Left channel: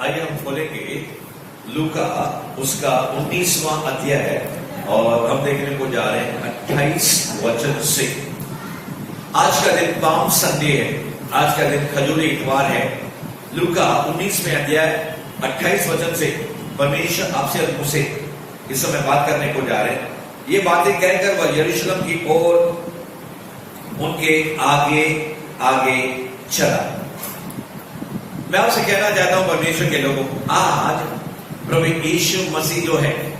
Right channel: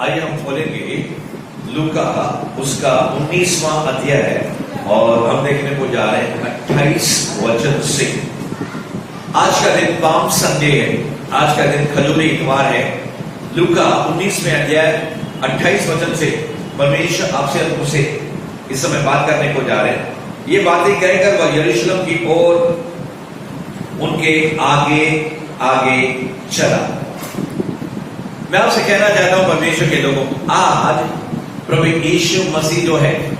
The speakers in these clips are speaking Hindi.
आइए हम खोलेंगे लूका उसका 19वां अध्याय है और हम देखने को जा रहे हैं 28 वचन से। आज का दिन पाम संडे है, आज का दिन खजूरी इतवार है। लूका 19वें अध्याय 28 वचन से परमेश्वर आपसे और मुझसे इस समय बात करने को जा रहे हैं। ये बातें कहकर वह यरूशलेम की ओर उनके आगे आगे चला। मैं आपसे कहना चाहता हूं परमेश्वर के लोगों को, आज प्रभु यीशु मसीह जो है,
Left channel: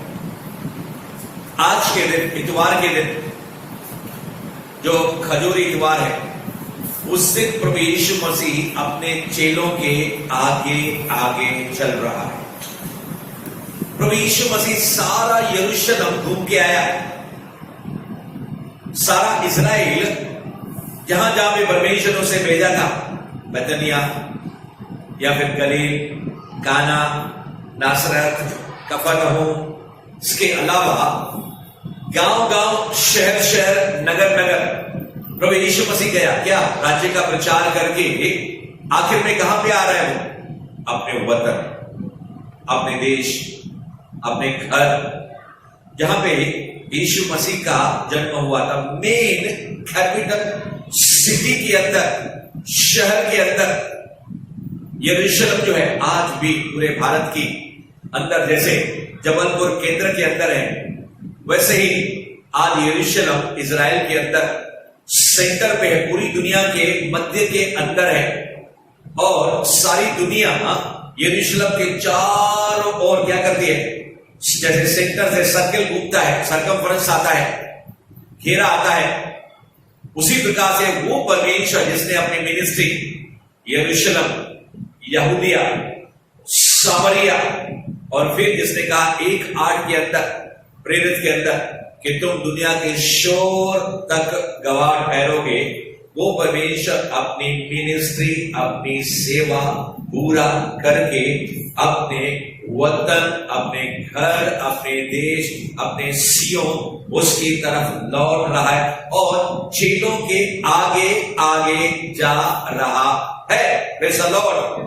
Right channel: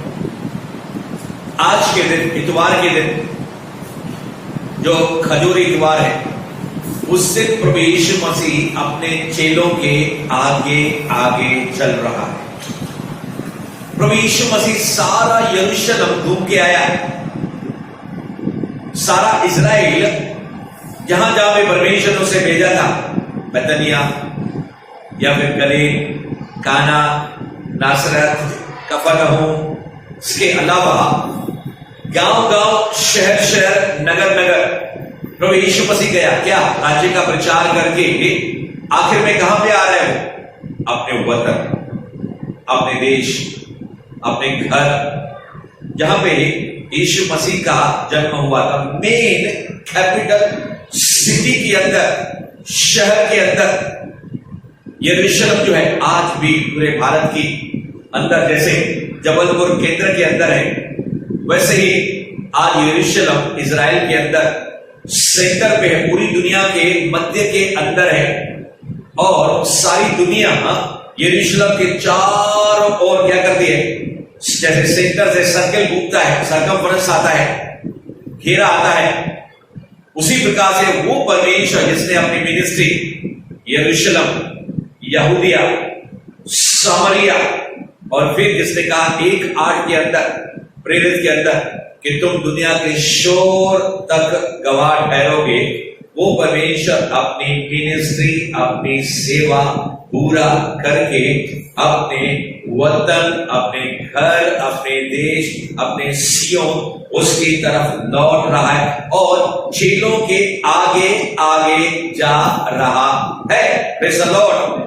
आज के दिन इतवार के दिन जो खजूरी इतवार है, उस दिन प्रभु यीशु मसीह अपने चेलों के आगे आगे चल रहा है। प्रभु यीशु मसीह सारा यरूशलेम घूम के आया है। सारा इजराइल जहां जहां पे परमेश्वर ने उसे भेजा था, बैतनिया या फिर गलील, काना, नासरत, कफरनहूम, इसके अलावा गांव-गांव, शहर-शहर, नगर-नगर प्रभु यीशु मसीह गया। क्या? राज्य का प्रचार करके आखिर में कहां पे आ रहे हैं वो? अपने वतन, अपने देश, अपने घर, जहां पे यीशु मसीह का जन्म हुआ था, मेन कैपिटल सिटी के अंदर, शहर के अंदर यरूशलेम जो है, आज भी पूरे भारत की अंदर जैसे जबलपुर केंद्र के अंदर है, वैसे ही आज यरूशलेम इजराइल के अंदर सेंटर पे है, पूरी दुनिया के मध्य के अंदर है। और सारी दुनिया यरूशलेम के चारों ओर क्या करती है? जैसे सेंटर से सर्कल घूमता है, सरकमफेरेंस आता है, घेरा आता है, उसी प्रकार से वो परमेश्वर जिसने अपनी मिनिस्ट्री यरूशलेम, यहूदिया, सामरिया और फिर जिसने कहा 1:8 के अंदर, प्रेरित के अंदर, कि तुम दुनिया के शोर तक गवाह ठहरोगे, वो परमेश्वर अपनी मिनिस्ट्री, अपनी सेवा पूरा करके अपने वतन, अपने घर, अपने देश, अपने सियोन, उसकी तरफ लौट रहा है और चेलों के आगे आगे जा रहा है। Praise the Lord.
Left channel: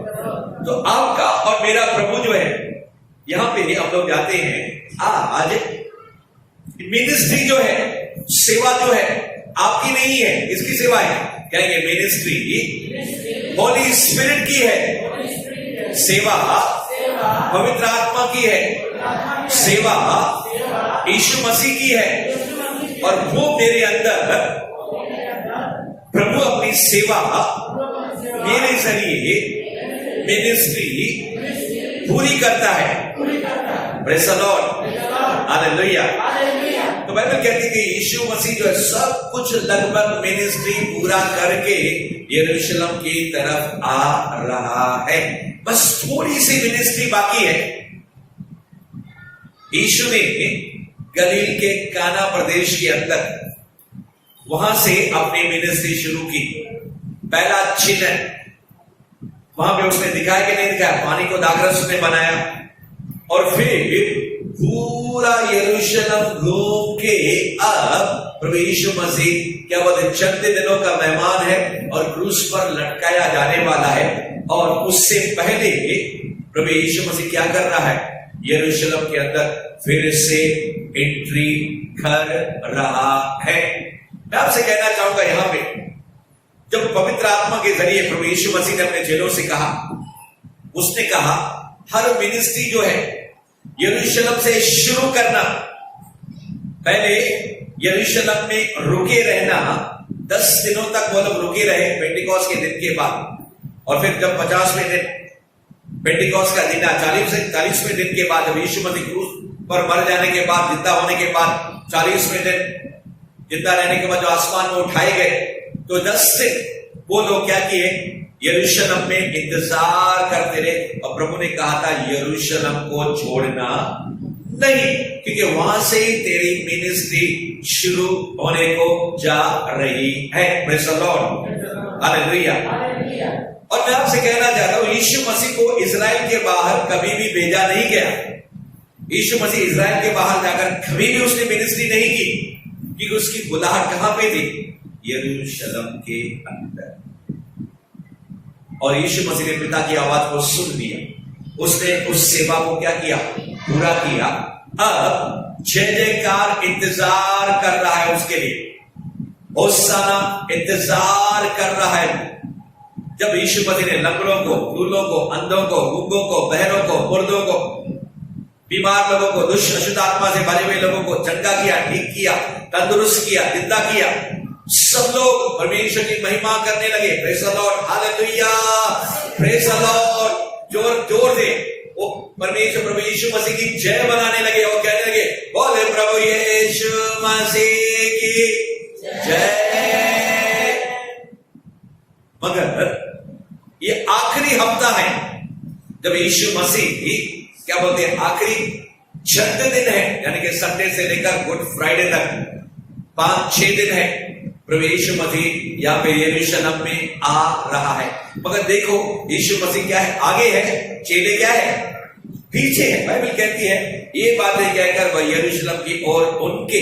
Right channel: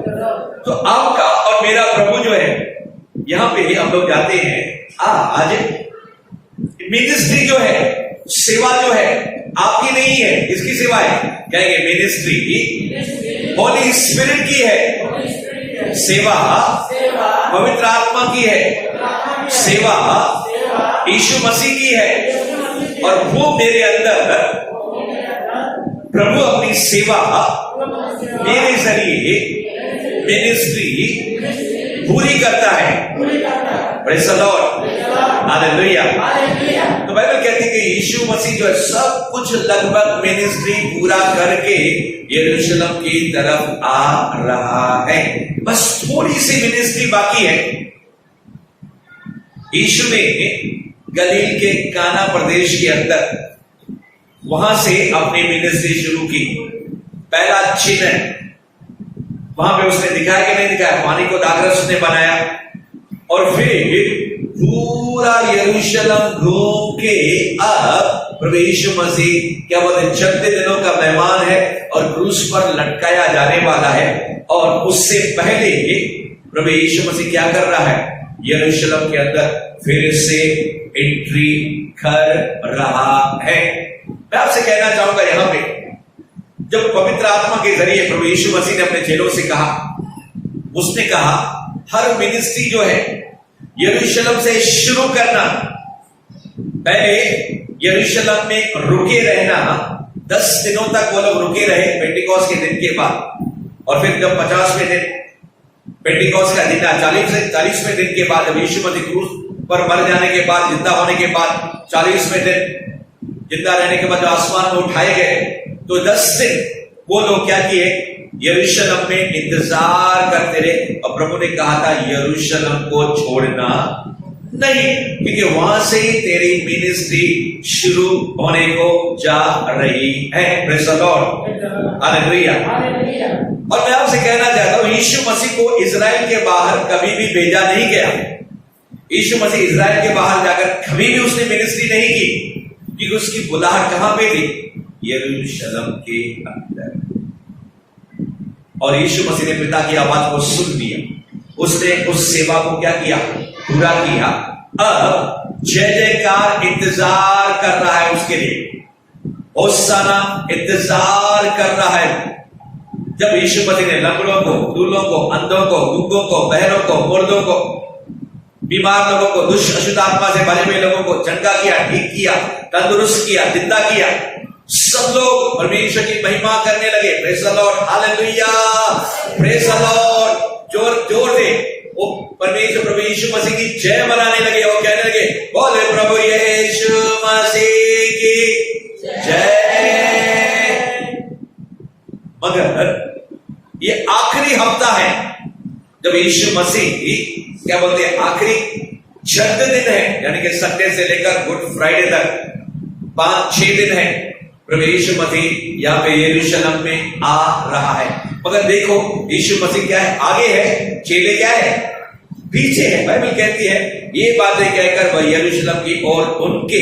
तो आपका और मेरा प्रभु जो है, यहां पे हम लोग जाते हैं। आज मिनिस्ट्री जो है, सेवा जो है, आपकी नहीं है, इसकी सेवा है। कहेंगे मिनिस्ट्री होली स्पिरिट की है, सेवा पवित्र आत्मा की है, सेवा यीशु मसीह की है। और वो मेरे अंदर प्रभु अपनी सेवा मेरे जरिए मिनिस्ट्री पूरी करता है। Praise the Lord, hallelujah. तो बाइबल कहती है कि यीशु मसीह जो है सब कुछ लगभग मिनिस्ट्री पूरा करके यरूशलेम की तरफ आ रहा है। बस थोड़ी सी मिनिस्ट्री बाकी है। यीशु ने गलील के काना प्रदेश के अंदर वहां से अपनी मिनिस्ट्री शुरू की। पहला चिन्ह वहां पे उसने दिखाया कि नहीं दिखाया? पानी को दाखरस उसने बनाया और फिर पूरा यरूशलेम घूम के अब प्रभु यीशु मसीह क्या बोलते, 36 दिनों का मेहमान है और क्रूस पर लटकाया जाने वाला है। और उससे पहले प्रभु यीशु मसीह क्या कर रहा है? यरूशलेम के अंदर फिर से एंट्री कर रहा है। मैं आपसे कहना चाहूंगा, यहां पे जब पवित्र आत्मा के जरिए प्रभु यीशु मसीह ने अपने चेलों से कहा, उसने कहा हर मिनिस्ट्री जो है यरूशलेम से शुरू करना। पहले यरूशलेम में रुके रहना, 10 दिनों तक वो लोग रुके रहे पेंटिकॉस्ट के दिन के बाद। और फिर जब 50वें दिन पेंटिकॉस्ट का दिन, 40वें दिन के बाद, जब यीशु मसीह क्रूस पर मर जाने के बाद, जिंदा होने के बाद, 40वें दिन जिंदा रहने के बाद जो आसमान में उठाए गए, तो 10 दिन वो लोग क्या किए? यरूशलेम में इंतजार करते रहे। और प्रभु ने कहा था यरूशलेम को छोड़ना नहीं, क्योंकि वहां से ही तेरी मिनिस्ट्री शुरू होने को जा रही है। Praise the Lord, hallelujah. और मैं आपसे कहना चाहता हूं, यीशु मसीह को इजराइल के बाहर कभी भी भेजा नहीं गया। यीशु मसीह इजराइल के बाहर जाकर कभी भी उसने मिनिस्ट्री नहीं की, क्योंकि उसकी बुलाहट कहां पे थी? यरूशलेम के अंदर। और यीशु मसीह ने पिता की आवाज को सुन लिया। उसने उस सेवा को क्या किया, पूरा किया। अब जय जयकार इंतजार कर रहा है उसके लिए, होसाना इंतजार कर रहा है। जब यीशु मसीह ने लंगड़ों को, लूलों को, अंधों को, गूंगों को, बहरों को, मुर्दों को, बीमार लोगों को, दुष्ट अशुद्ध आत्मा से भरे हुए लोगों को चंगा किया, ठीक किया, तंदुरुस्त किया, जिंदा किया, सब लोग परमेश्वर की महिमा करने लगे। Praise the Lord, hallelujah, praise the Lord. जोर दे वो परमेश्वर प्रभु यीशु मसीह की जय मनाने लगे और कहने लगे, बोले प्रभु यीशु मसीह की जय। मगर ये आखिरी हफ्ता है जब यीशु मसीह क्या बोलते हैं, आखिरी 6 दिन है, यानी कि संडे से लेकर गुड फ्राइडे तक 5-6 दिन है। प्रभु यीशु मसीह यहाँ पे यरूशलेम में आ रहा है। मगर देखो यीशु मसीह क्या है, आगे है, चेले क्या है, पीछे है। बाइबल कहती है ये बातें कहकर वह यरूशलेम की ओर उनके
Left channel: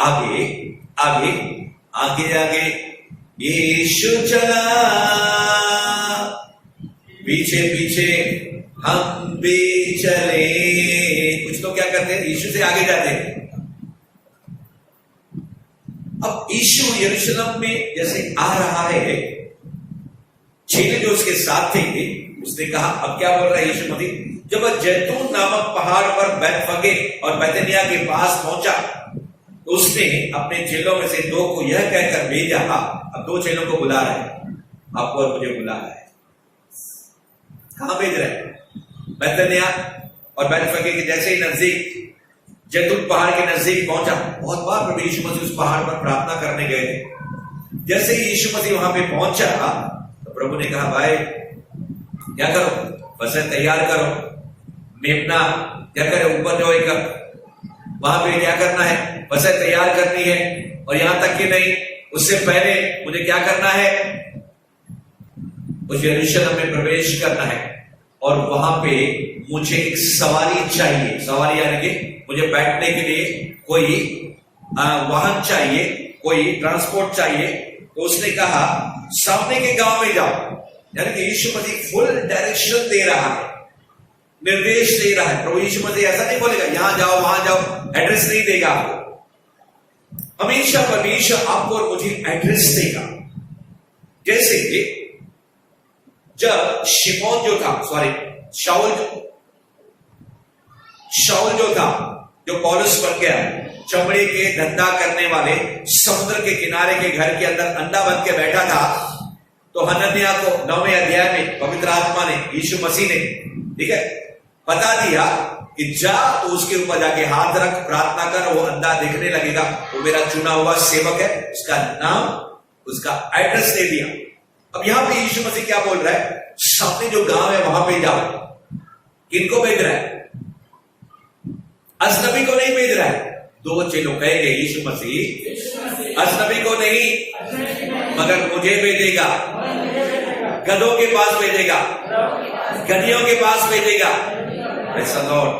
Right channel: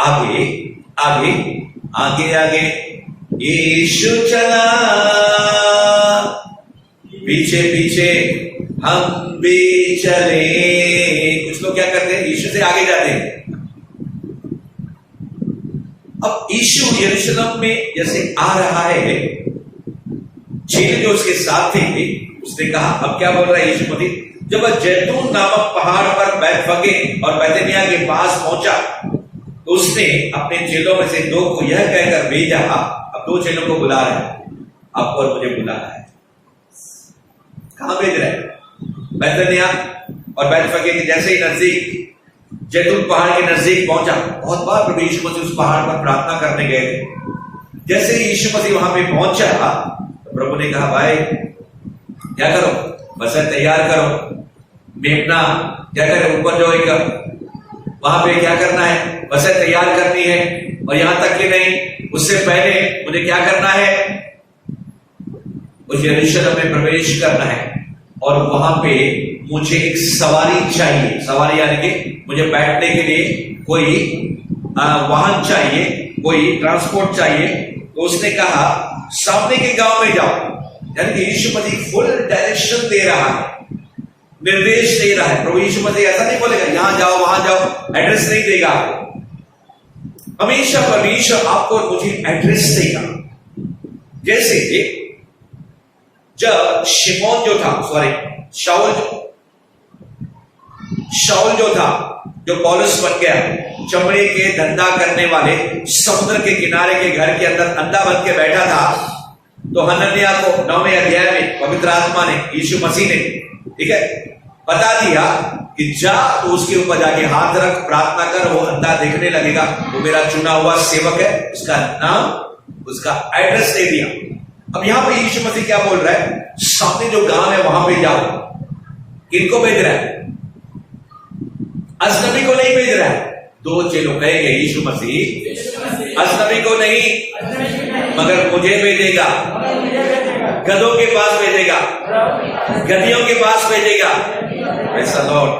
आगे आगे आगे आगे यीशु चला, पीछे पीछे हम भी चले। कुछ लोग क्या करते हैं, यीशु से आगे जाते हैं। अब यीशु यरूशलेम में जैसे आ रहा है, चेले जो उसके साथ थे उसने कहा, अब क्या बोल रहा है यीशु मसीह, जब वह जैतून नामक पहाड़ पर बैतफगे और बैतनिया के पास पहुंचा तो उसने अपने चेलों में से 2 को यह कहकर भेजा। अब 2 चेलों को बुला रहे हैं, आपको और मुझे बुला रहा है। कहां भेज रहे हैं, बैतनिया और बैतफगे के जैसे ही नजदीक, जैतून पहाड़ के नजदीक पहुंचा। बहुत बार प्रभु यीशु मसीह उस पहाड़ पर प्रार्थना करने गए थे। जैसे ही यीशु मसीह वहां पे पहुंचा तो प्रभु ने कहा, भाई क्या करो, बसें तैयार करो, मेमना क्या करे, ऊपर जो एक वहां पे क्या करना है, बसें तैयार करनी है। और यहां तक कि नहीं, उससे पहले मुझे क्या करना है, उस यरूशलेम में प्रवेश करना है और वहां पे मुझे एक सवारी चाहिए। सवारी यानी कि मुझे बैठने के लिए कोई वाहन चाहिए, कोई ट्रांसपोर्ट चाहिए। तो उसने कहा सामने के गांव में जाओ, यानी कि यीशु मसीह फुल डायरेक्शन दे रहा है, निर्देश दे रहा है। प्रभु यीशु मसीह ऐसा नहीं बोलेगा यहां जाओ वहां जाओ, एड्रेस नहीं देगा आपको। हमेशा परमेश्वर आपको और मुझे एड्रेस देगा। जैसे कि जब शिमोन जो था, शाऊल जो था, जो पौलुस बन गया, चमड़े के धंधा करने वाले, समुद्र के किनारे के घर के अंदर अंधा बन के बैठा था, तो हनन्याह को 9वें अध्याय में पवित्र आत्मा ने, यीशु मसीह ने, ठीक है, बता दिया कि जा तो उसके ऊपर जाके हाथ रख, प्रार्थना कर, वो अंधा देखने लगेगा, वो मेरा चुना हुआ सेवक है, उसका नाम, उसका एड्रेस दे दिया। अब यहां पे यीशु मसीह क्या बोल रहा है, सामने जो गांव है वहां पे जाओ। किनको भेज रहा है, अजनबी को नहीं भेज रहा है। 2 चेलों कहेंगे यीशु मसीह अजनबी को नहीं मगर मुझे भेजेगा, गधों के पास भेजेगा, गधियों के पास भेजेगा। Praise the Lord.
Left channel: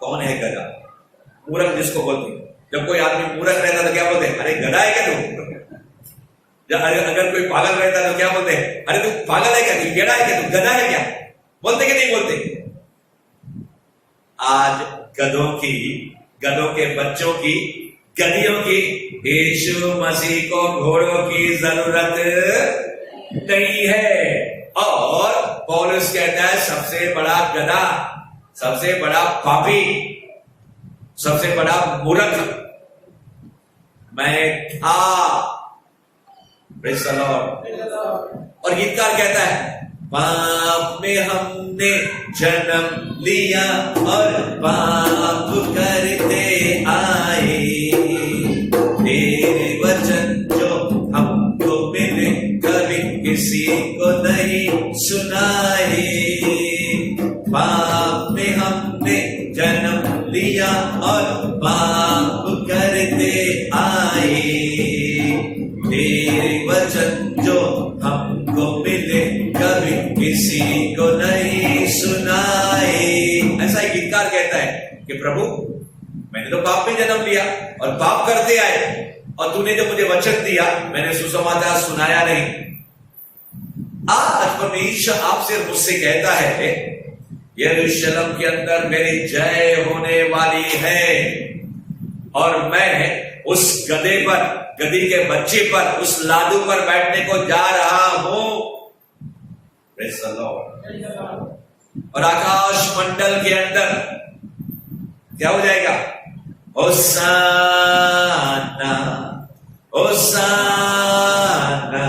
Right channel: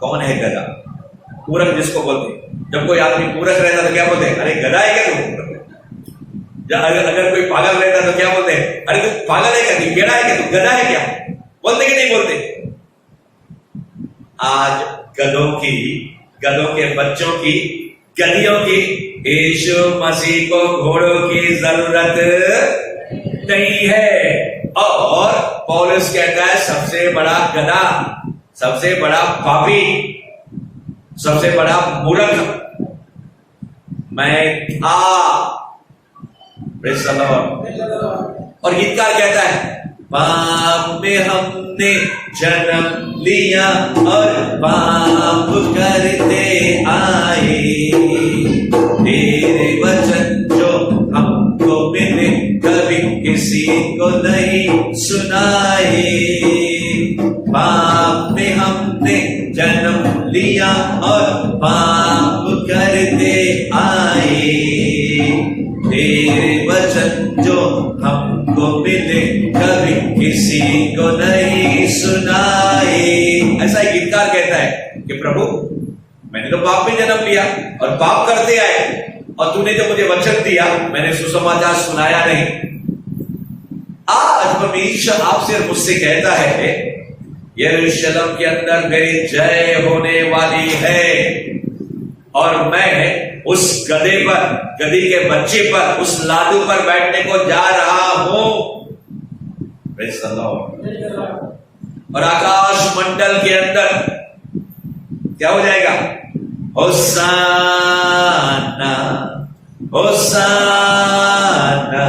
कौन है गधा? मूर्ख जिसको बोलते हैं। जब कोई आदमी मूर्ख रहता तो क्या बोलते हैं, अरे गधा है क्या तू? अगर कोई पागल रहता तो क्या बोलते हैं, अरे तू पागल है क्या, तू गेड़ा है क्या, तू गधा है क्या? बोलते कि नहीं बोलते? आज गधों के बच्चों की, गधियों की यीशु मसीह को घोड़ों की जरूरत नहीं है। और पौलुस कहता है सबसे बड़ा गधा, सबसे बड़ा पापी, सबसे बड़ा मूर्ख मैं था। Praise the Lord. और गीतकार कहता है पाप में हमने जन्म लिया और पाप करते आए, तेरे वचन जो हमको मिले कभी किसी को नहीं सुनाए। पाप में हमने जन्म लिया और पाप करते आए, तेरे वचन जो हमको मिले कभी किसी को नहीं सुनाए। ऐसा ही गीतकार कहता है कि प्रभु मैंने तो पाप में जन्म लिया और पाप करते आए, और तूने जो मुझे वचन दिया मैंने सुसमाचार सुनाया नहीं। आज परमेश्वर आपसे और मुझसे कहता है यरूशलेम के अंदर मेरी जय होने वाली है और मैं उस गधे पर, गधी के बच्चे पर, उस लादू पर बैठने को जा रहा हूं। Praise the Lord. और आकाश मंडल के अंदर क्या हो जाएगा? होसाना, होसाना,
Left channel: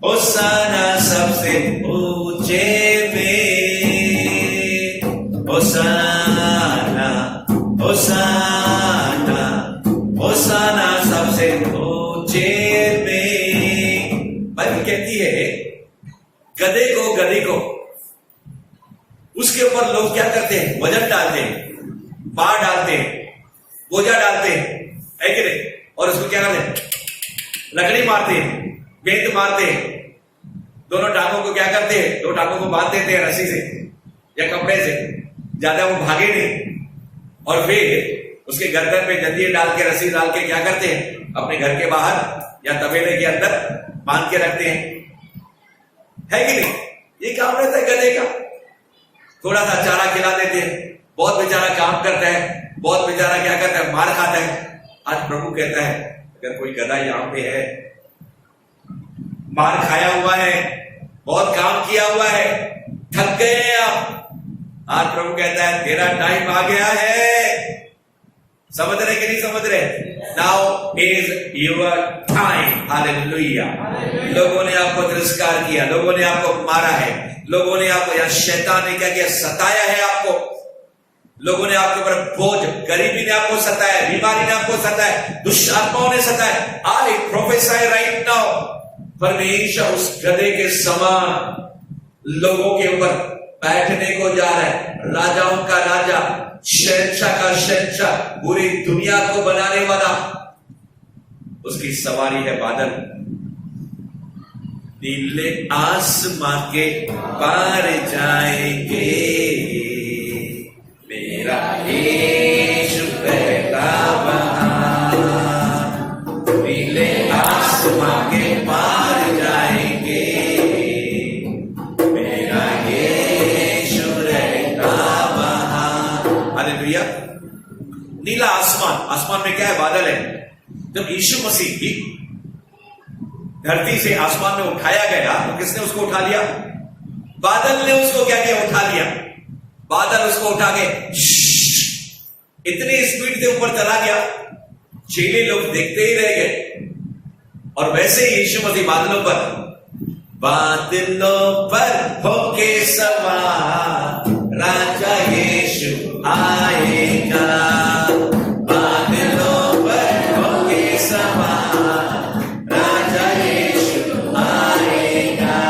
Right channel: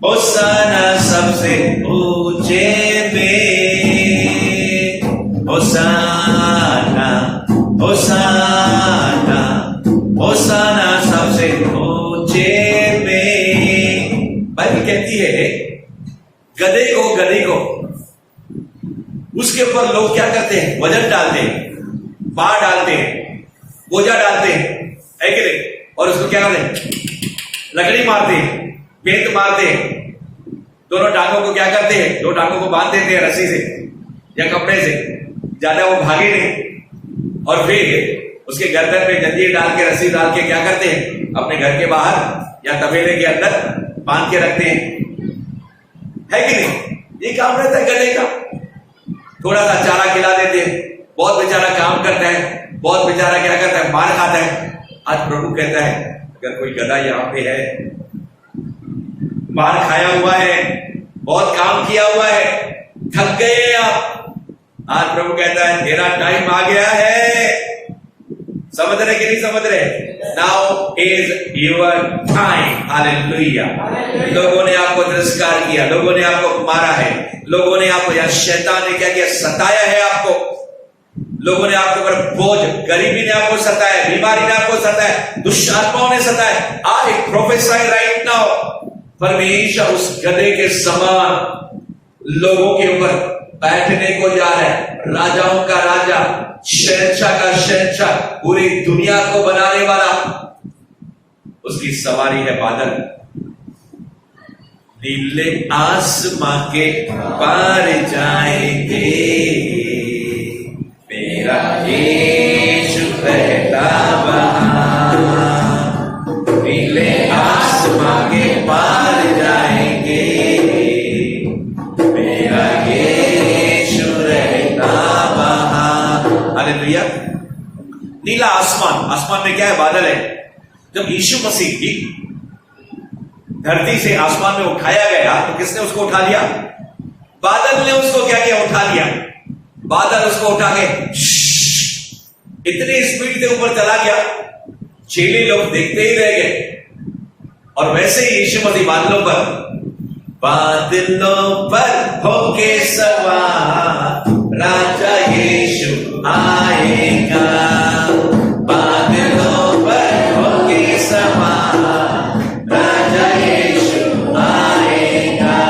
होसाना सबसे ऊंचे में, होसाना, होसाना, होसाना सबसे ऊंचे में। बाइबल कहती है गधे को उसके ऊपर लोग क्या करते हैं? वजन डालते हैं, बार डालते हैं, बोझा डालते हैं, है कि नहीं? और उसको क्या करते हैं? लकड़ी मारते हैं, बेंत मारते हैं, दोनों टांगों को क्या करते हैं? दो टांगों को बांध देते हैं रस्सी से या कपड़े से, ज्यादा वो भागे नहीं। और फिर उसके गर्दन में जंजीर डाल के, रस्सी डाल के क्या करते हैं? अपने घर के बाहर या तबेले के अंदर बांध के रखते हैं, है कि नहीं? ये काम रहता है गधे का। थोड़ा सा चारा खिला देते हैं, बहुत बेचारा काम करता है, बहुत बेचारा क्या करता है? मार खाता है। आज प्रभु कहता है अगर कोई गधा यहां पे है, मार खाया हुआ है, बहुत काम किया हुआ है, थक गए आप, आज प्रभु कहता है तेरा टाइम आ गया है। समझ रहे कि नहीं समझ रहे? Now is your time. Hallelujah. लोगों ने आपको तिरस्कार किया, लोगों ने आपको मारा है, लोगों ने आपको, या शैतान ने क्या किया? सताया है आपको। लोगों ने आपके ऊपर बोझ, गरीबी ने आपको सताया, बीमारी ने आपको सताया, दुष्ट आत्माओं ने सताया। आई प्रोफेसाई राइट नाउ, परमेश्वर उस गधे के समान लोगों के ऊपर बैठने को जा रहा है। राजाओं का राजा, शहंशाह का शहंशाह, पूरी दुनिया को बनाने वाला। उसकी सवारी है बादल। नीले आसमां के पार जाएंगे, मेरा यीशु रहता वहां। नीले आसमां के पार जाएंगे, मेरा यीशु रहता वहां। हालेलुया। नीला आसमान, आसमान में क्या है? बादल है। जब यीशु मसीह की धरती से आसमान में उठाया गया तो किसने उसको उठा लिया? बादल ने उसको क्या किया? उठा लिया। बादल उसको उठा के इतनी स्पीड से ऊपर चला गया, चेले लोग देखते ही रह गए। और वैसे ही यीशु मसीह बादलों पर होके सवार, राजा यीशु आएगा। बादलों पर होके सवार, राजा यीशु आएगा।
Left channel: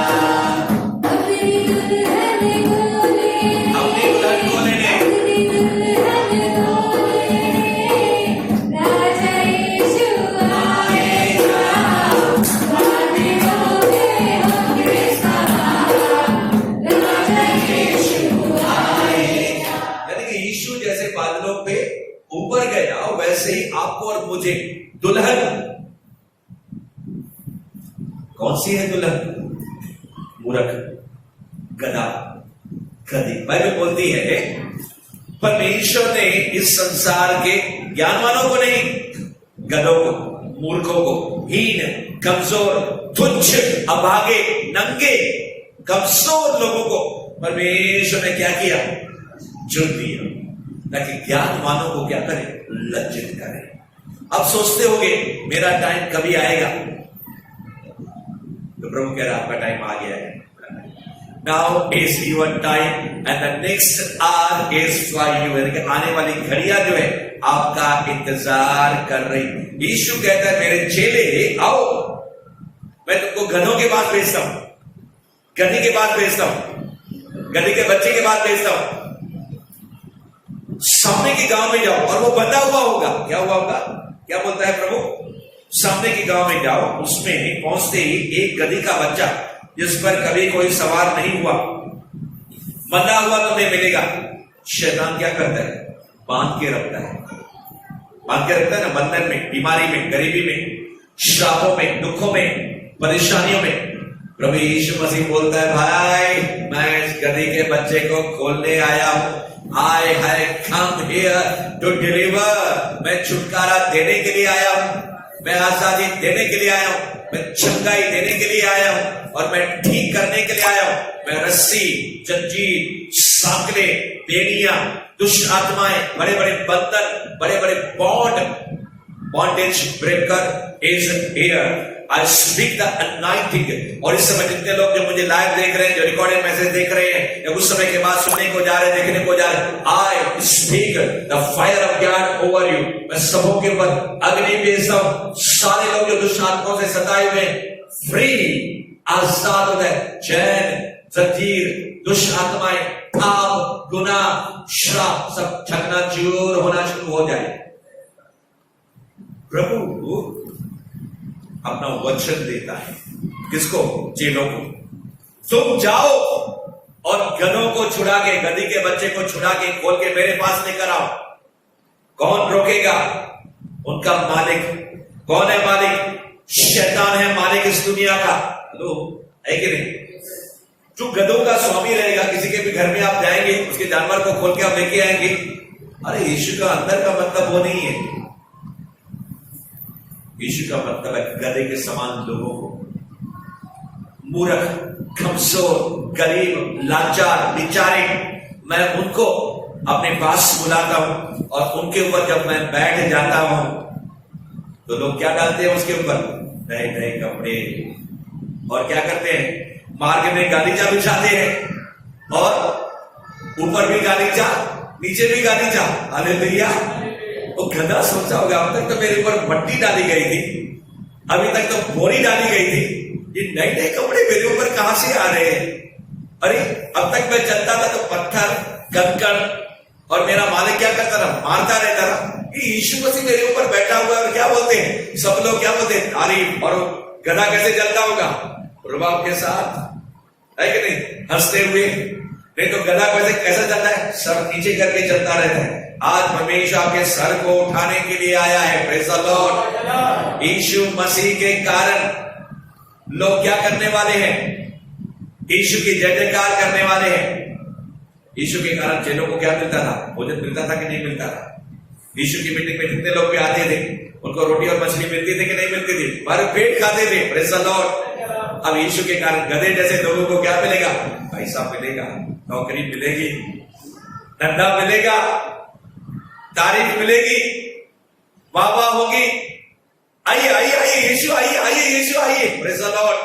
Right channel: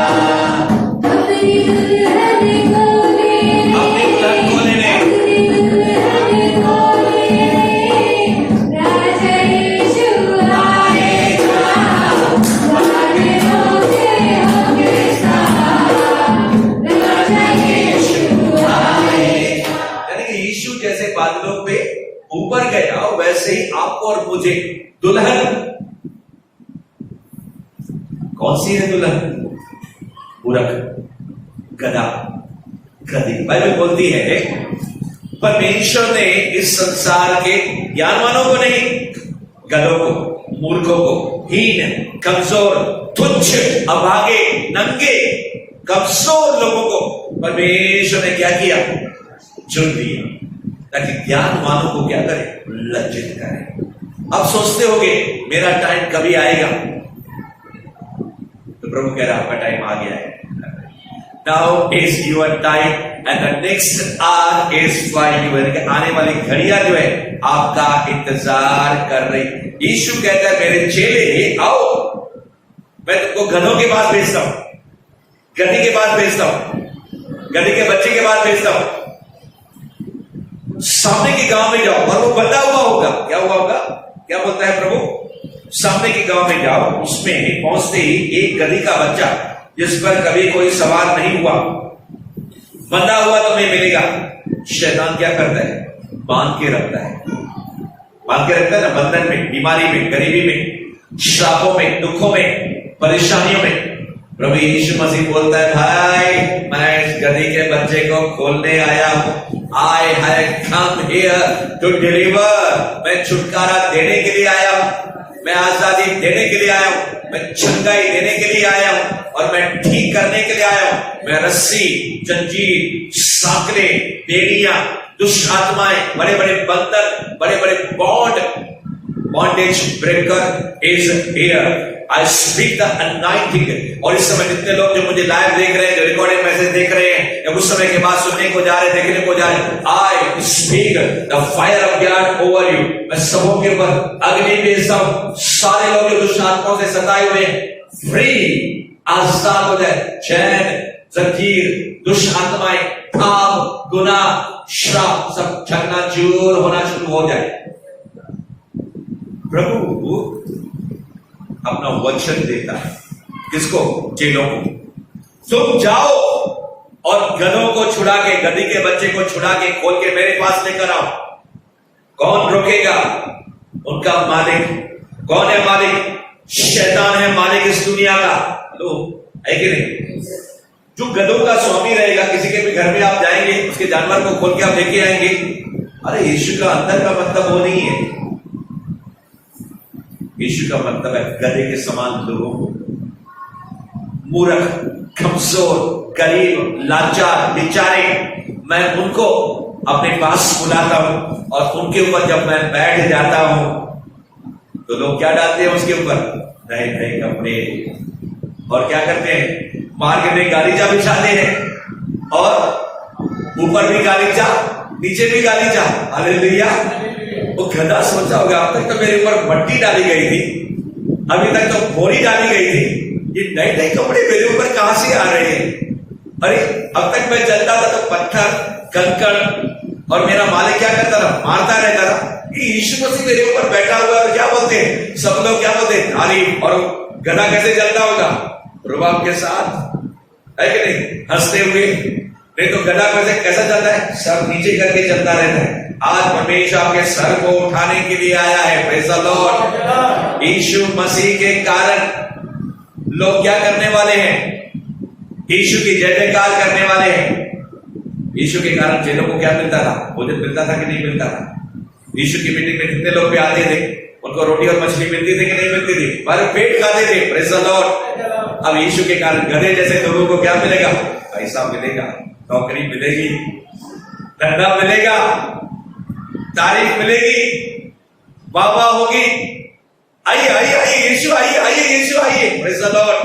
अपनी दुल्हन को लेने, राजा यीशु आएगा। बादलों पे होके सवार, राजा यीशु आएगा। यानी कि यीशु जैसे बादलों पे ऊपर गया, वैसे ही आपको और मुझे दुल्हन, कौन सी है दुल्हन? मूर्ख, गधा, गधी। बाइबल बोलती है परमेश्वर ने इस संसार के ज्ञानवानों को नहीं, गधों को, मूर्खों को, हीन, कमजोर, तुच्छ, अभागे, नंगे, कमजोर लोगों को परमेश्वर ने क्या किया? चुन दिया, ताकि ज्ञानवानों को क्या करे? लज्जित करे। अब सोचते होगे मेरा टाइम कभी आएगा? तो प्रभु कह रहा आपका टाइम आ गया है। Now is your time and the next our is for you. यानी कि आने वाली घड़ियां जो है आपका इंतजार कर रही। यीशु कहता है मेरे चेले आओ, मैं तुमको गधों के पास भेजता हूं, गधी के पास भेजता हूं, गधी के बच्चे के पास भेजता हूं। सामने के गांव में जाओ और वो बंधा हुआ होगा। क्या हुआ होगा? क्या बोलता है प्रभु? सामने के गांव में जाओ, उसमें पहुंचते ही एक गधी का बच्चा जिस पर कभी कोई सवार नहीं हुआ, बंधा हुआ तुम्हें मिलेगा। शैतान क्या करता है? बांध के रखता है, बांध के रखता है ना, बंधन में, बीमारी में, गरीबी में, श्रापों में, दुखों में, परेशानियों में। प्रभु यीशु मसीह बोलता है, भाई मैं इस गधी के बच्चे को खोलने आया हूं। I have come here to deliver. मैं छुटकारा देने के लिए आया हूं, मैं आजादी देने के लिए आया हूं, मैं चंगाई देने के लिए आया हूं और मैं ठीक करने के लिए आया हूं। मैं रस्सी, जंजीर, सांकले, बेड़ियां, दुष्ट आत्माएं, बड़े बड़े बंधन, बड़े बड़े bondage breaker is here. I speak the anointing। और इस समय जितने लोग जो मुझे लाइव देख रहे हैं, जो रिकॉर्डिंग मैसेज देख रहे हैं, या उस समय के बाद सुनने को जा रहे हैं, देखने को जा रहे हैं, I speak the fire of God over you। मैं सबों के ऊपर अग्नि भेजता हूं। सारे लोग जो दुष्ट आत्माओं से सताए हुए हैं, फ्री, आजाद हो जाए। चैन, जंजीर, दुष्ट आत्माएं, पाप, गुनाह, श्राप सब चकनाचूर होना शुरू हो जाए। प्रभु अपना वचन देता है किसको? चेलों को। तुम जाओ और गधों को छुड़ा के, गधी के बच्चे को छुड़ा के खोल के मेरे पास लेकर आओ। कौन रोकेगा? उनका मालिक। कौन है मालिक? शैतान है मालिक इस दुनिया का। हेलो, है कि नहीं? जो गधों का स्वामी रहेगा, किसी के भी घर में आप जाएंगे, उसके जानवर को खोल के आप लेके आएंगे। अरे यीशु का अंदर का मतलब वो नहीं है। यीशु का मतलब है गधे के समान लोगों को, मूर्ख, कमजोर, गरीब, लाचार, बेचारे, मैं उनको अपने पास बुलाता हूं और उनके ऊपर जब मैं बैठ जाता हूं तो लोग क्या डालते हैं उसके ऊपर? नए नए कपड़े। और क्या करते हैं? मार्केट में गालीचा बिछाते हैं और ऊपर भी गालीचा, नीचे भी गालीचा। हालेलुया। वो गधा सोचा होगा, अब तक तो मेरे ऊपर मट्टी डाली गई थी, अभी तक तो बोरी डाली गई थी, ये नए नए कपड़े मेरे ऊपर कहां से आ रहे हैं? अरे अब तक मैं चलता था तो पत्थर, कंकड़, और मेरा मालिक क्या करता था? मारता रहता था। ये यीशु मसीह मेरे ऊपर बैठा हुआ है और क्या बोलते हैं सब लोग? क्या बोलते हैं? तारीफ। और गधा कैसे चलता होगा? रुबाब के साथ, है कि नहीं? हंसते हुए। नहीं तो गधा कैसा चलता है? सर नीचे करके चलता रहता है। आज परमेश्वर आपके सर को उठाने के लिए आया है। Praise the Lord. यीशु मसीह के कारण लोग क्या करने वाले हैं? यीशु की जय जयकार करने वाले हैं। यीशु के कारण चेलों को क्या मिलता था? भोजन मिलता था कि नहीं मिलता था? यीशु की मीटिंग में कितने लोग भी आते थे, उनको रोटी और मछली मिलती थी कि नहीं मिलती थी? भर पेट खाते थे। Praise the Lord. अब यीशु के कारण गधे जैसे लोगों को क्या मिलेगा? पैसा मिलेगा, नौकरी मिलेगी, धंधा मिलेगा, तारीफ मिलेगी, वाह होगी। आइए आइए आइए यीशु, आइए आइए यीशु, आइए। Praise the Lord.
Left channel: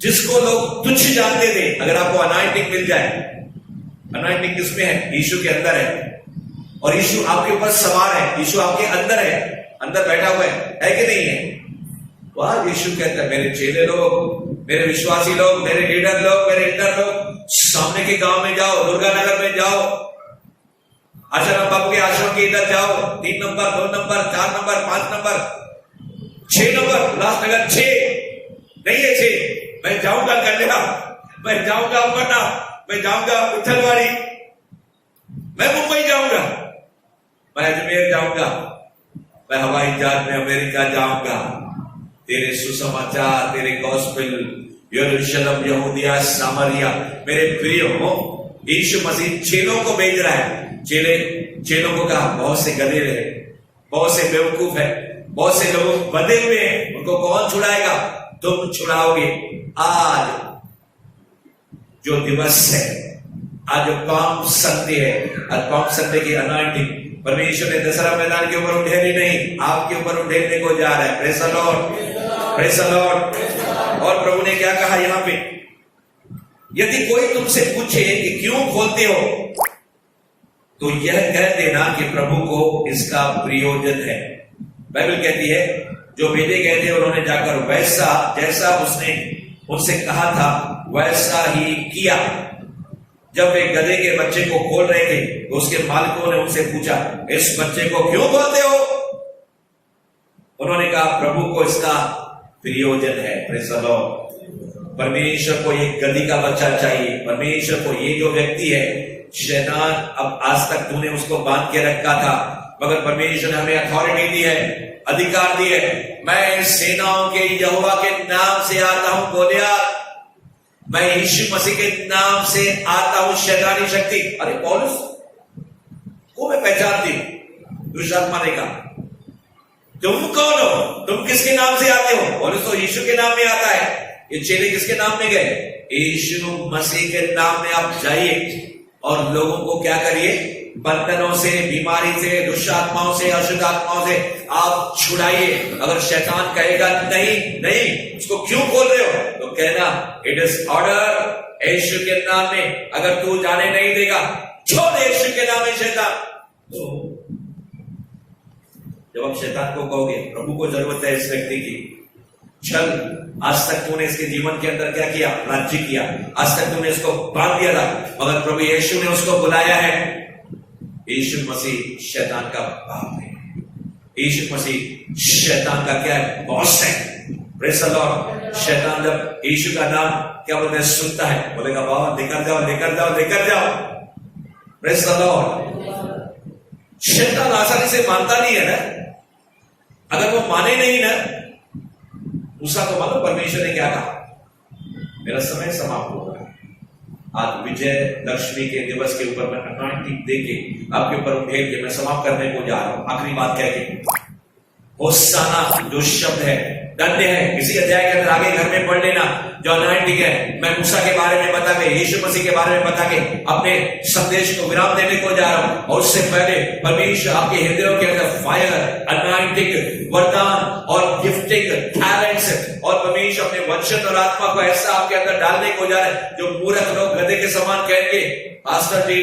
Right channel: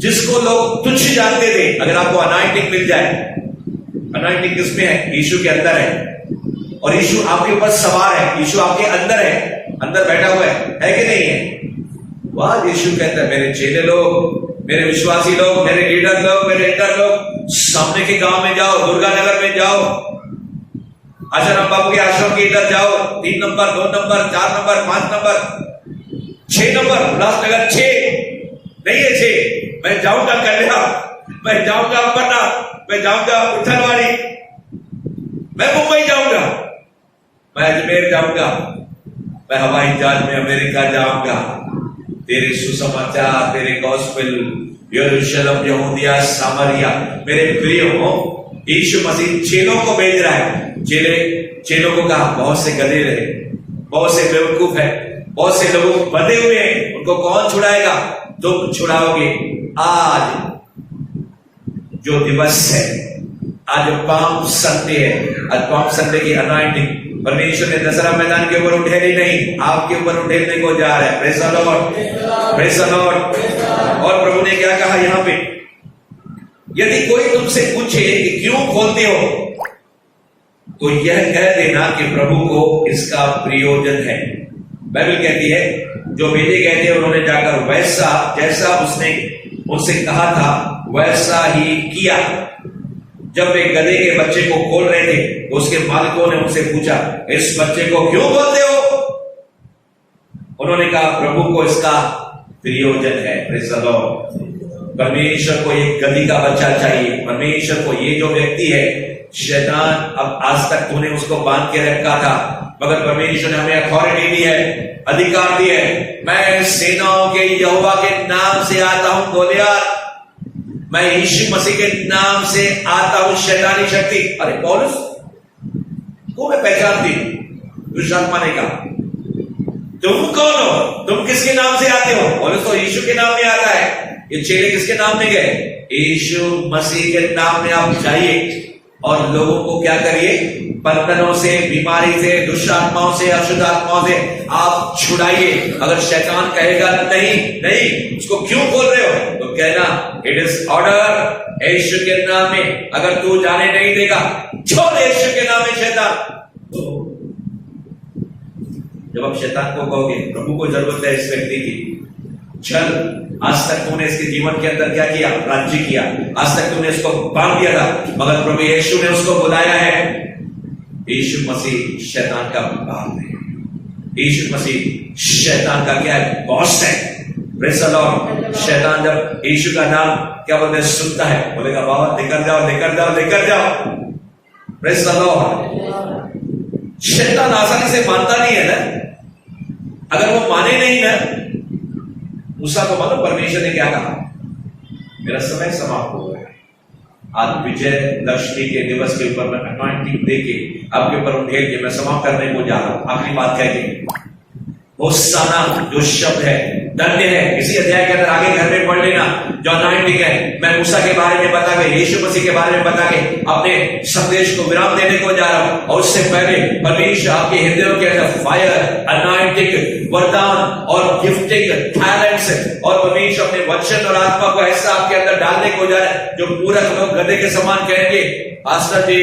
जिसको लोग तुच्छ जानते थे, अगर आपको अनॉइंटिंग मिल जाए, अनॉइंटिंग किसमें है? यीशु के अंदर है। और यीशु आपके ऊपर सवार है, यीशु आपके अंदर है, अंदर बैठा हुआ है कि नहीं है? वाह। यीशु कहता है मेरे चेले लोग, मेरे विश्वासी लोग, मेरे लीडर लोग, मेरे एल्डर लोग, सामने के गांव में जाओ, दुर्गा नगर में जाओ, आचाराम बाबू के आश्रम के इधर जाओ, 3 number, 2 number, 4 number, 5 number, 6 number, Ulhasnagar 6 नहीं है 6। मैं जाऊंगा कल्याण, मैं जाऊंगा अंबरनाथ, मैं जाऊंगा उठलवाड़ी, मैं मुंबई जाऊंगा, मैं अजमेर जाऊंगा, मैं हवाई जहाज में अमेरिका जाऊंगा। तेरे सुसमाचार, तेरे गॉस्पेल, यरूशलेम, यहूदिया, सामरिया। मेरे प्रिय हो, यीशु मसीह चेलों को भेज रहा है। चेलों को कहा बहुत से गधे रहे, बहुत से बेवकूफ है, बहुत से लोग बंधे हुए हैं, उनको कौन छुड़ाएगा? तुम छुड़ाओगे। आज जो दिवस है, आज जो पाम संडे है, आज पाम संडे की अनॉइंटिंग परमेश्वर ने दशहरा मैदान के ऊपर उठेली नहीं, आपके ऊपर उठेलने को जा रहा है। Praise the Lord, praise the Lord. और प्रभु ने क्या कहा यहां पे? यदि कोई तुमसे पूछे कि क्यों खोलते हो, तो यह कह देना कि प्रभु को इसका प्रयोजन है। बाइबल कहती है जो भेजे गए थे उन्होंने जाकर वैसा जैसा उसने उनसे कहा था वैसा ही किया। जब वे गधे के बच्चे को खोल रहे थे तो उसके मालिकों ने उनसे पूछा, इस बच्चे को क्यों खोलते हो? उन्होंने कहा प्रभु को इसका प्रयोजन है। Praise the Lord. परमेश्वर को एक गधी का बच्चा चाहिए। परमेश्वर को ये जो व्यक्ति है, शैतान अब आज तक तूने उसको बांध के रखा था, मगर परमेश्वर ने हमें अथॉरिटी दी है, अधिकार दी है। मैं सेनाओं के यहोवा के नाम से आता हूं गोलियत, मैं यीशु मसीह के नाम से आता हूं शैतानी शक्ति। अरे पौलुस को मैं पहचानती हूं, दुष्ट आत्मा ने कहा तुम कौन हो, तुम किसके नाम से आते हो? पौलुस तो यीशु के नाम में आता है। ये चेले किसके नाम में गए? यीशु मसीह के नाम में आप जाइए और लोगों को क्या करिए? बंधनों से, बीमारी से, दुष्ट आत्माओं से, अशुद्ध आत्माओं से आप छुड़ाइए। अगर शैतान कहेगा नहीं नहीं उसको क्यों खोल रहे हो, तो कहना इट इज ऑर्डर, यीशु के नाम में। अगर तू जाने नहीं देगा, छोड़ यीशु के नाम में शैतान। तो जब आप शैतान को कहोगे प्रभु को जरूरत है इस व्यक्ति की, चल आज तक तूने इसके जीवन के अंदर क्या किया? राज्य किया। आज तक तूने इसको बांध दिया था, मगर प्रभु यीशु ने उसको बुलाया है। यीशु मसीह शैतान का बाप है। यीशु मसीह शैतान का क्या है? बॉस है। Praise the Lord. शैतान जब यीशु का नाम क्या बोलते हैं सुनता है, बोलेगा बाबा लेकर जाओ लेकर जाओ लेकर जाओ। Praise the Lord. शैतान आसानी से मानता नहीं है ना। अगर वो माने नहीं ना, मूसा को मालूम परमेश्वर ने क्या कहा? मेरा समय समाप्त हो गया है। आज विजय दशमी के दिवस के ऊपर मैं अनॉइंटिंग देके आपके ऊपर उठेल के मैं समाप्त करने को जा रहा हूं। आखिरी बात कह के होसाना जो शब्द है, धन्य है, इसी अध्याय के अंदर आगे घर में पढ़ लेना जो अनॉइंटिंग है। मैं मूसा के बारे में बता के, यीशु मसीह के बारे में बता के अपने संदेश को विराम देने को जा रहा हूं। और उससे पहले परमेश्वर आपके हृदयों के अंदर फायर, अनॉइंटिंग, वरदान और गिफ्टिंग, टैलेंट्स और परमेश्वर अपने वचन और आत्मा को ऐसा आपके अंदर डालने को जा रहा है जो मूर्ख लोग गधे के समान कहेंगे पास्टर जी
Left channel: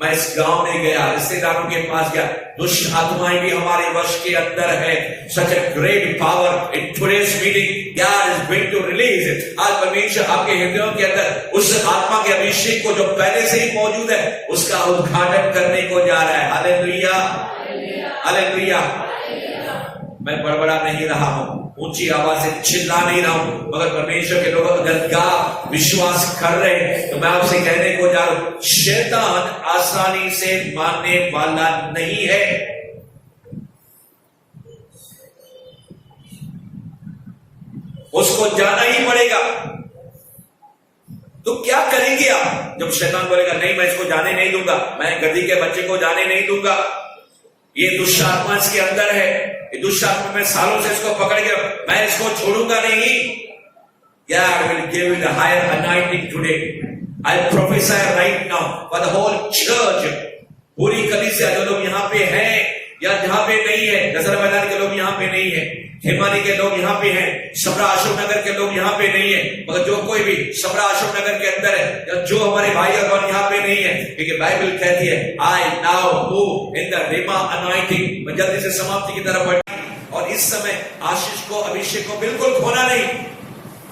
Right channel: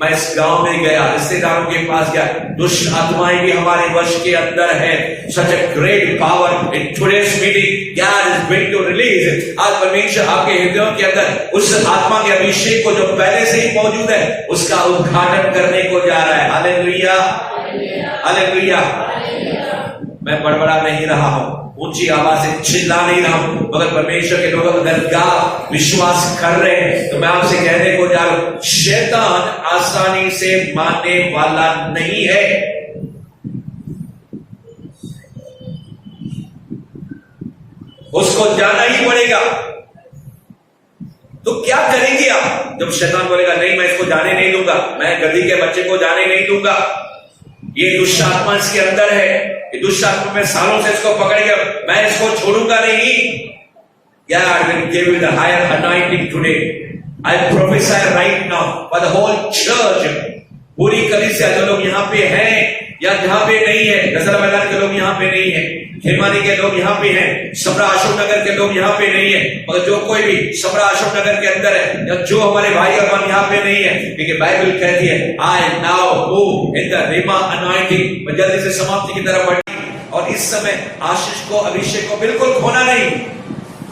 मैं इस गांव में गया, रिश्तेदारों के पास गया, दुष्ट आत्माएं भी हमारे वश के अंदर है। Such a great power in today's meeting God is going to release. आज परमेश्वर आपके हृदयों के अंदर उस आत्मा के अभिषेक को जो पहले से ही मौजूद है उसका उद्घाटन करने को जा रहा है। Hallelujah hallelujah. मैं बड़बड़ा नहीं रहा हूं, ऊंची आवाज से चिल्ला नहीं रहा हूं, मगर परमेश्वर के लोग अगर का विश्वास कर रहे हैं तो मैं आपसे कहने को जा रहा हूं शैतान आसानी से मानने वाला नहीं है। उसको जाना ही पड़ेगा। तो क्या करेंगे आप जब शैतान बोलेगा नहीं मैं इसको जाने नहीं दूंगा, मैं गधी के बच्चे को जाने नहीं दूंगा, ये दुष्ट आत्मा इसके अंदर है, ये दुष्ट आत्मा में सालों से इसको पकड़ गया, मैं इसको छोड़ूंगा नहीं। God will give you the higher anointing today. I prophesy right now for the whole church. पूरी कलीसिया जो लोग यहाँ पे हैं या जहाँ पे नहीं है, दशहरा मैदान के लोग यहाँ पे नहीं है, खेमानी के लोग यहाँ पे हैं, सबरा अशोक नगर के लोग यहाँ पे नहीं है, मगर जो कोई भी सबरा अशोक नगर के अंदर है या जो हमारे भाई और बहन यहाँ पे नहीं है, क्योंकि बाइबल कहती है I now move in the Rima anointing. मैं जल्दी से समाप्ति की तरफ बढ़ी और इस समय आशीष को, अभिषेक को बिल्कुल खोना नहीं।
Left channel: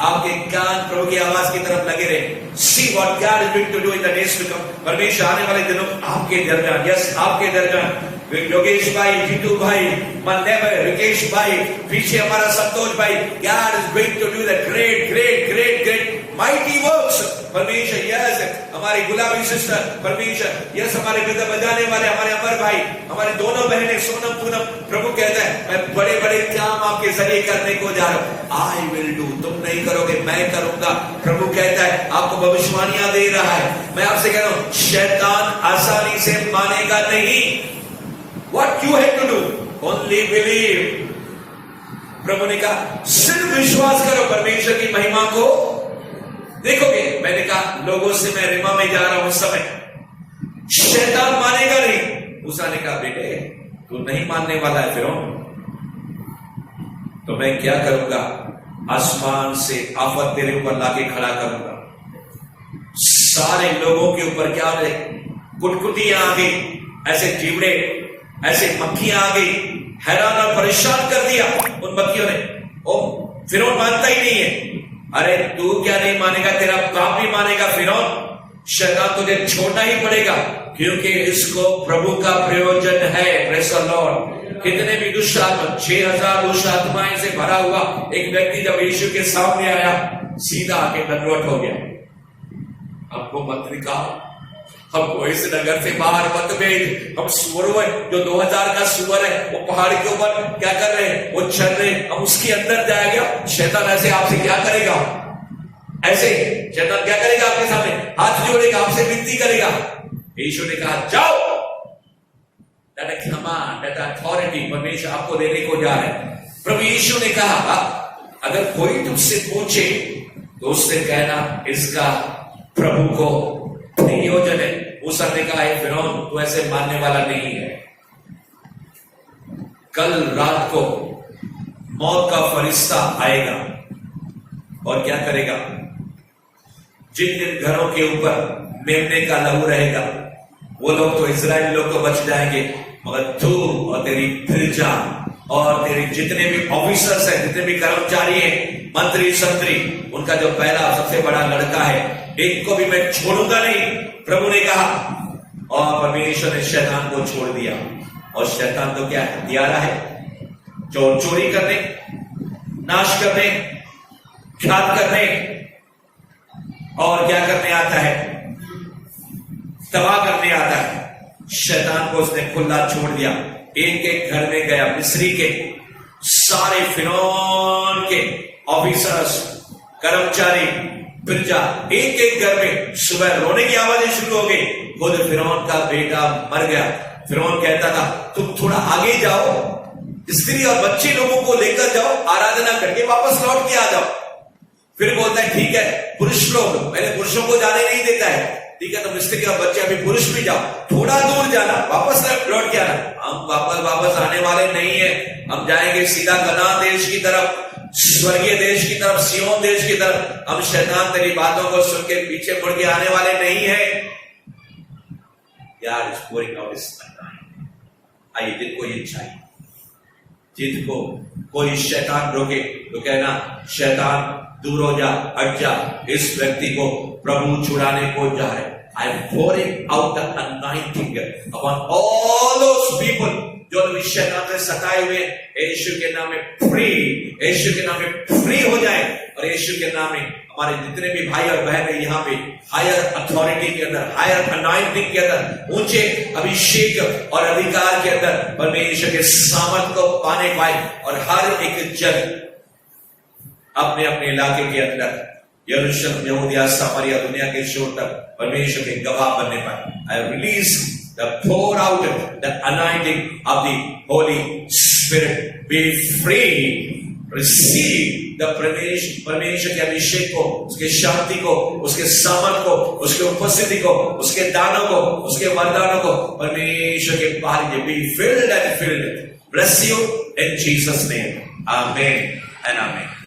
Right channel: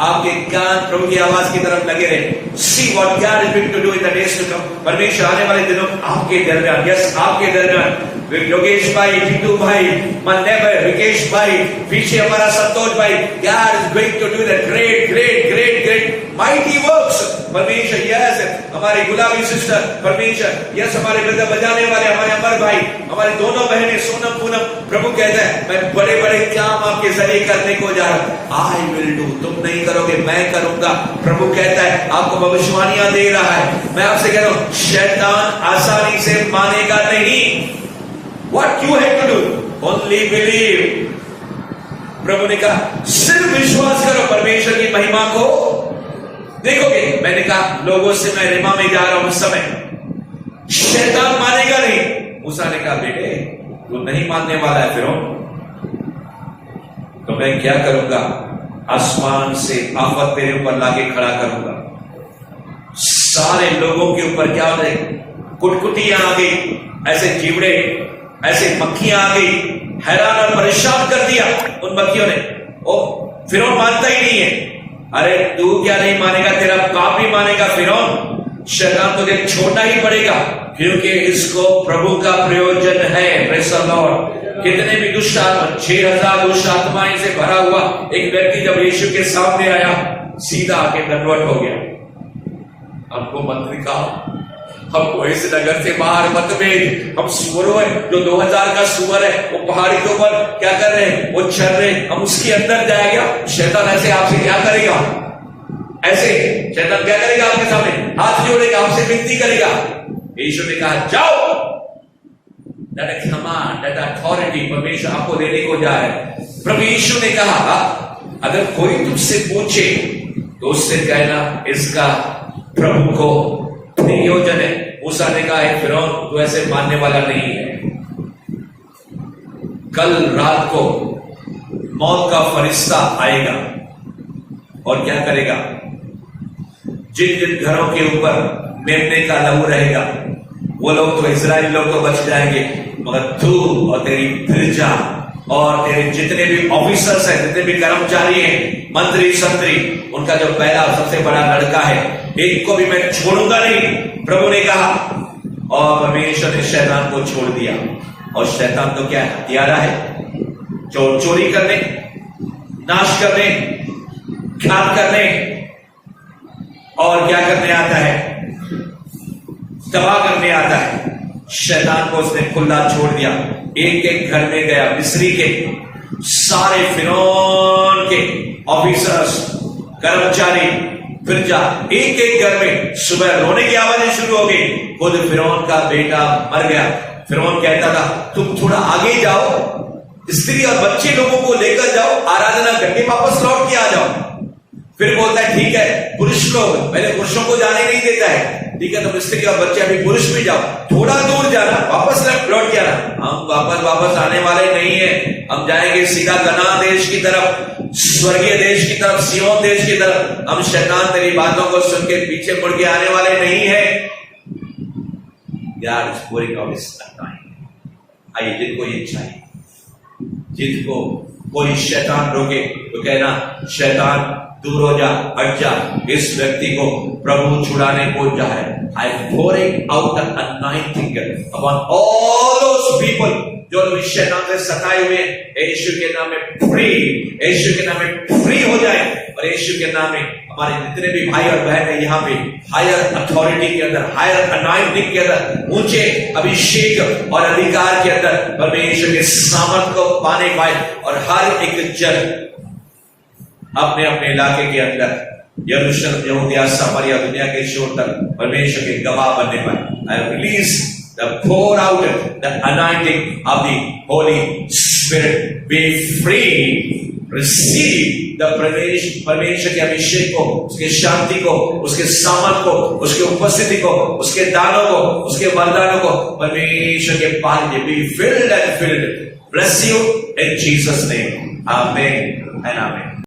आपके कान प्रभु की आवाज की तरफ लगे रहे। See what God is going to do in the days to come. परमेश्वर आने वाले दिनों आपके दरमियान, यस आपके दरमियान, योगेश भाई, जीतू भाई, मन्नेबर, विकेश भाई, पीछे हमारा संतोष भाई, God is going to do the great great great great mighty works. परमेश्वर यस हमारी गुलाबी सिस्टर, परमेश्वर यस हमारे वृंद बजाने वाले हमारे अमर भाई, हमारी दोनों बहनें सोनम पूनम, प्रभु कहता है मैं बड़े बड़े काम आपके जरिए करने को जा रहा हूं। आई विल डू, तुम नहीं करोगे मैं करूंगा। प्रभु कहता है आपको भविष्यवाणियां दे रहा है। मैं आपसे कह रहा हूं शैतान आसानी से मानेगा नहीं। What you have to do? Only believe. प्रभु ने कहा सिर्फ विश्वास करो, परमेश्वर की महिमा को देखोगे। मैंने कहा लोगों से मैं रिमा में जा रहा हूं उस समय, शैतान मानेगा नहीं। मूसा ने कहा बेटे तू नहीं मानने वाला है फिरौन, तो मैं क्या करूंगा? आसमान से आफत तेरे ऊपर लाके खड़ा करूंगा। सारे लोगों के ऊपर क्या हो रहे, कुटकुटियां आ गई, ऐसे जीवड़े, ऐसे मक्खियां आ गई, हैरान और परेशान कर दिया उन मक्खियों ने। ओ फिरौन मानता ही नहीं है। अरे तू क्या नहीं मानेगा, तेरा बाप भी मानेगा फिरौन। शैतान तुझे छोड़ना ही पड़ेगा क्योंकि इसको प्रभु का प्रयोजन है। Praise the Lord. कितने भी दुष्ट आत्मा, 6000 दुष्ट आत्माएं से भरा हुआ एक व्यक्ति जब यीशु के सामने आया, सीधा आके दंडवत हो गया। हमको मत दिखाओ, हमको इस नगर से बाहर मत भेज। हम सुअरों है, जो 2000 का सुअर है, वो पहाड़ के ऊपर क्या कर रहे हैं, वो चल रहे हैं, हम उसके अंदर जाएगा। शैतान ऐसे आपसे क्या करेगा, ऐसे शैतान क्या करेगा, आपके सामने हाथ जोड़ेगा, आपसे विनती करेगा। यीशु ने कहा जाओ, दैट कमांड, दैट अथॉरिटी परमेश्वर आपको देने को जा रहा है। प्रभु यीशु ने कहा अगर कोई तुझसे पूछे तो उससे कहना इसका प्रभु को नियोजन है। मूसा ने कहा है फिरौन तू ऐसे मानने वाला नहीं है। कल रात को मौत का फरिश्ता आएगा और क्या करेगा, जिन जिन घरों के ऊपर मेमने का लहू रहेगा वो लोग तो इजराइल लोग तो बच जाएंगे, मगर तू और तेरी प्रजा और तेरे जितने भी ऑफिसर्स हैं, जितने भी कर्मचारी हैं, मंत्री संतरी, उनका जो पहला सबसे बड़ा लड़का है, एक को भी मैं छोड़ूंगा नहीं, प्रभु ने कहा। और परमेश्वर ने शैतान को छोड़ दिया। और शैतान तो क्या है, हत्यारा है, चोरी करने, नाश करने, घात करने और क्या करने आता है, तबाह करने आता है। शैतान को उसने खुला छोड़ दिया। एक एक घर में गया, मिस्री के सारे फिरौन के ऑफिसर्स, कर्मचारी, प्रजा, एक एक घर में सुबह रोने की आवाजें शुरू हो गई। खुद फिरौन का बेटा मर गया। फिरौन कहता था तुम थोड़ा आगे जाओ, स्त्री और बच्चे लोगों को लेकर जाओ, आराधना करके वापस लौट के आ जाओ। फिर बोलता है ठीक है, पुरुष लोग, पहले पुरुषों को जाने नहीं देता है, ठीक है तुम स्त्री और बच्चे अभी पुरुष भी जाओ, थोड़ा दूर जाना, वापस लौट के आना। हम वापस आने वाले नहीं है, हम जाएंगे सीधा कनान देश की तरफ, स्वर्गीय देश की तरफ, सिय्योन देश की तरफ। हम शैतान तेरी बातों को सुन के पीछे मुड़ के आने वाले नहीं है। God is pouring out his anointing. आइए, जिनको ये चाहिए, जिनको कोई शैतान रोके तो कहना शैतान दूर हो जा, हट जा, इस व्यक्ति को प्रभु छुड़ाने को जा रहे। I am pouring out the anointing upon all those people जो शैतान से सताए हुए, यीशु के नाम में फ्री, यीशु के नाम में फ्री हो जाए। और यीशु के नाम में हमारे जितने भी भाई और बहन है यहाँ पे हायर अथॉरिटी के अंदर, हायर अनाइंटिंग के अंदर, ऊंचे अभिषेक और अधिकार के अंदर परमेश्वर के सामर्थ को पाने पाए। और हर एक जन अपने अपने इलाके के अंदर, यरूशलेम, यहूदिया, सामरिया, दुनिया के छोर तक परमेश्वर के गवाह बनने पाए। I release the pour out the anointing of the Holy Spirit. Be free. Receive the परमेश्वर के अभिषेक को, उसके शांति को, उसके सामर्थ को, उसके उपस्थिति को, उसके दानों को, उसके वरदानों को परमेश्वर के पार दे। Be filled and filled. Bless you in Jesus' name. Amen and amen.